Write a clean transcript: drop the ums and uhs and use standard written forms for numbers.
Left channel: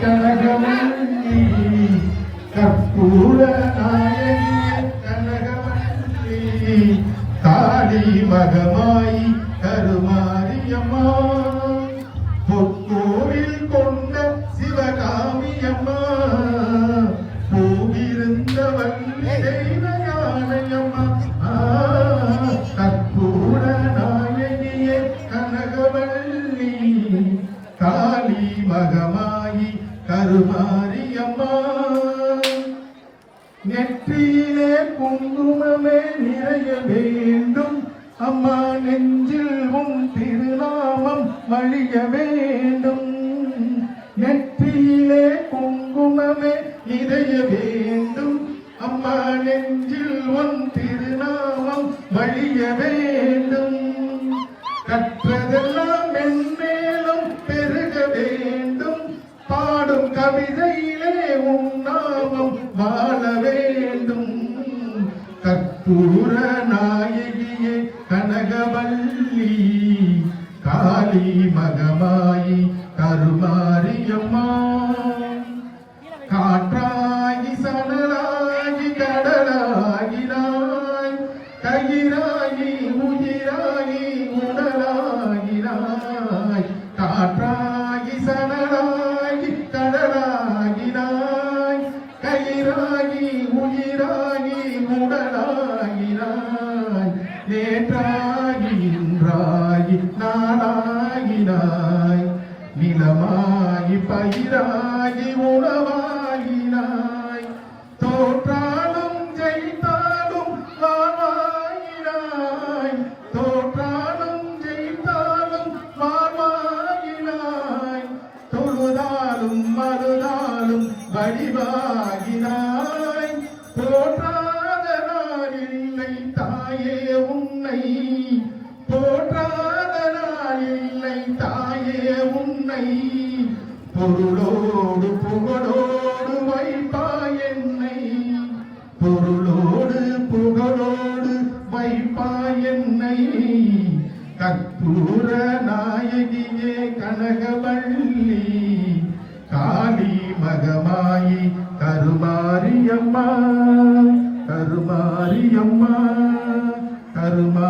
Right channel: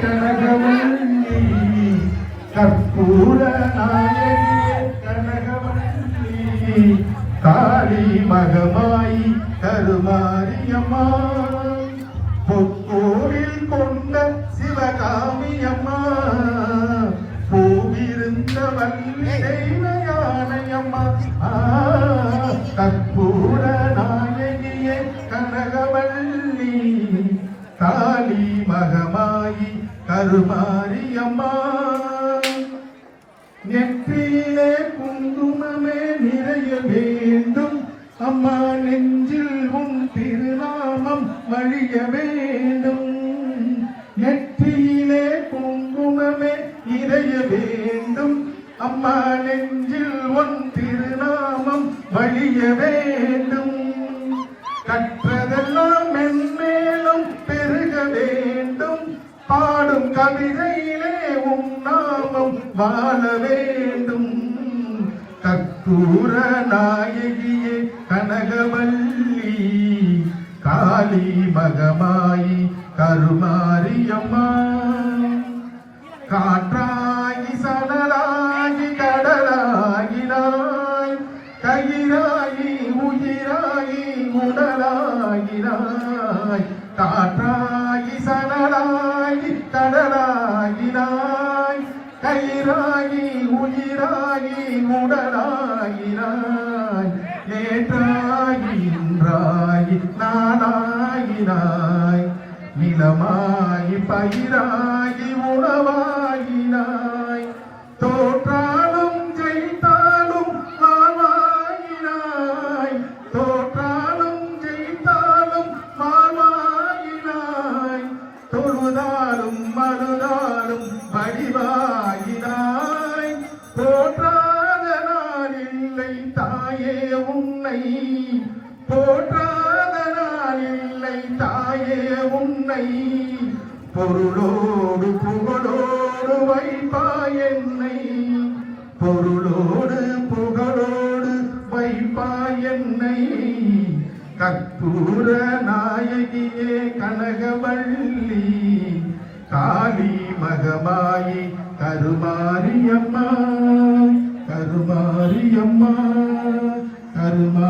கனகவல்லி கற்பூர நாயகியே கனகவல்லி காளி மகமாயி கருமாரியம்மா பொற்கோவில் கொண்ட சிவகாமியம்மா பூவிருந்த வள்ளி தெய்வயானையம்மா கற்பூர நாயகியே கனகவல்லி காளி மகமாயி கருமாரியம்மா நெற்றியிலே குங்குமமே நிறைய வேண்டும் அம்மா நெஞ்சில் உன் திருநாமம் வழிய வேண்டும் நெற்றியிலே குங்குமமே நிறைய வேண்டும் அம்மா நெஞ்சில் உன் திருநாமம் வழிய வேண்டும் கற்றதெல்லாம் மென்மேலும் பெருக வேண்டும் பாடும் கவிதையிலே உன் நாமம் வாழ வேண்டும் கற்பூர நாயகியே கனகவல்லி காளி மகமாயி கருமாரியம்மா காற்றாகி சணலாகி கடலாகினாய் கயிறாகி உயிராகி உடலாகினாய் காற்றாகி சணலாகி கடலாகினாய் கயிறாகி உயிராகி உடலாகினாய் நேற்றாகி இன்றாகி நாளாகினாய் நிலமாகி பயிராகி உணவாகினாய் தோற்றாலும் ஜெயித்தாலும் நாவாகினாய் தோற்றாலும் ஜெயித்தாலும் நாவாகினாய் தொழுதாலும் மறுதாலும் வடிவாகினாய் தோற்றாத நாள் இல்லை தாயே உன்னை தோற்றாத நாள் இல்லை தாயே உன்னை பொருளோடு புகழோடு வைப்பாய் என்னை பொருளோடு புகழோடு வைப்பாய் என்னை கற்பூர நாயகியே கனகவல்லி காளி மகமாயி கருமாரியம்மா கருமாரியம்மா கருமா